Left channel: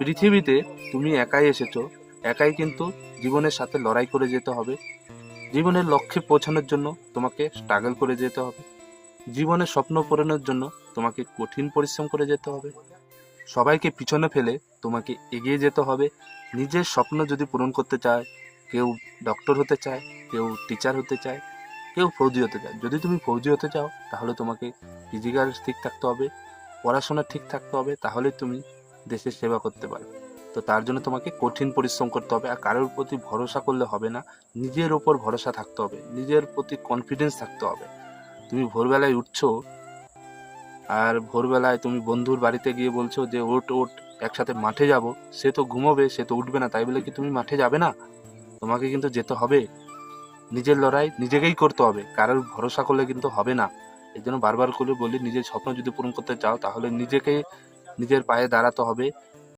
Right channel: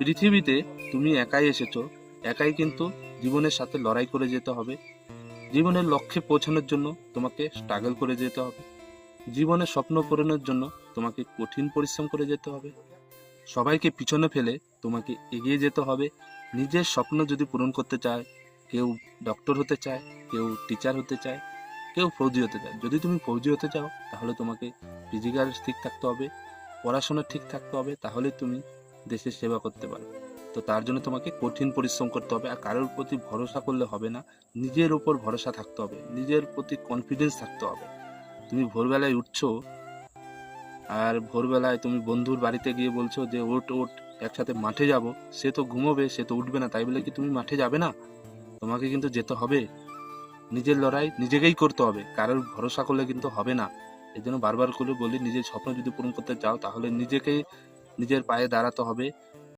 পৃথিবীতে তুমি একাই এসেছো, একাই কিন্তু জীবনের সাথে লড়াই করে যেতে হবে। জীবনের লক্ষ্যে পৌঁছানোর জন্য তোমাকে স্ট্রাগল করে যেতে হবে। জীবনের স্বপ্ন পূরণের জন্য তোমাকে কঠিন পরিশ্রম করে যেতে হবে। সবাইকে পিছনে ফেলে তোমাকে এগিয়ে যেতে হবে। নিজের স্বপ্ন যদি পূরণ করতে চায়, কেউ ডক্টর হতে চায়, কেউ টিচার হতে চায়, কেউ ফৌজি হতে চায়। যদি তুমি ফৌজি হতে চাও তাহলে তোমাকে ফিজিক্যাল ঠিক থাকতে হবে, পড়াশোনা ঠিক থাকতে হবে, তাহলে তুমি দেশের সেবা করতে পারবে। তো তার জন্য তোমাকে কঠিন পরিশ্রম করতে হবে। আর কারোর প্রতি ভরসা করলে হবে না, নিজের ওপর ভরসা থাকতে হবে, নিজের প্রতি কনফিডেন্স থাকতে হবে। তুমি ভোরবেলায় উঠছো, আর ভোরবেলায় তুমি বন্ধুর বাড়িতে গিয়ে বলছো যে ওঠ ওঠ, একসাথে মাঠে যাব। সে তো ঘুমোবে, সে তো উঠবে না, তাই বলে কি তুমি মাঠে যাবে না? তোমাকে কিন্তু যেতে হবে। নিজের লড়াই নিজেকেই করতে হবে, কারোর ভরসা করলে কিন্তু হবে না। এই জন্য বারবার করে বলি, নিজের স্বপ্ন যদি পূরণ করতে চাও তাহলে নিজেকে নিজের পায়ে দাঁড়াতে হবে,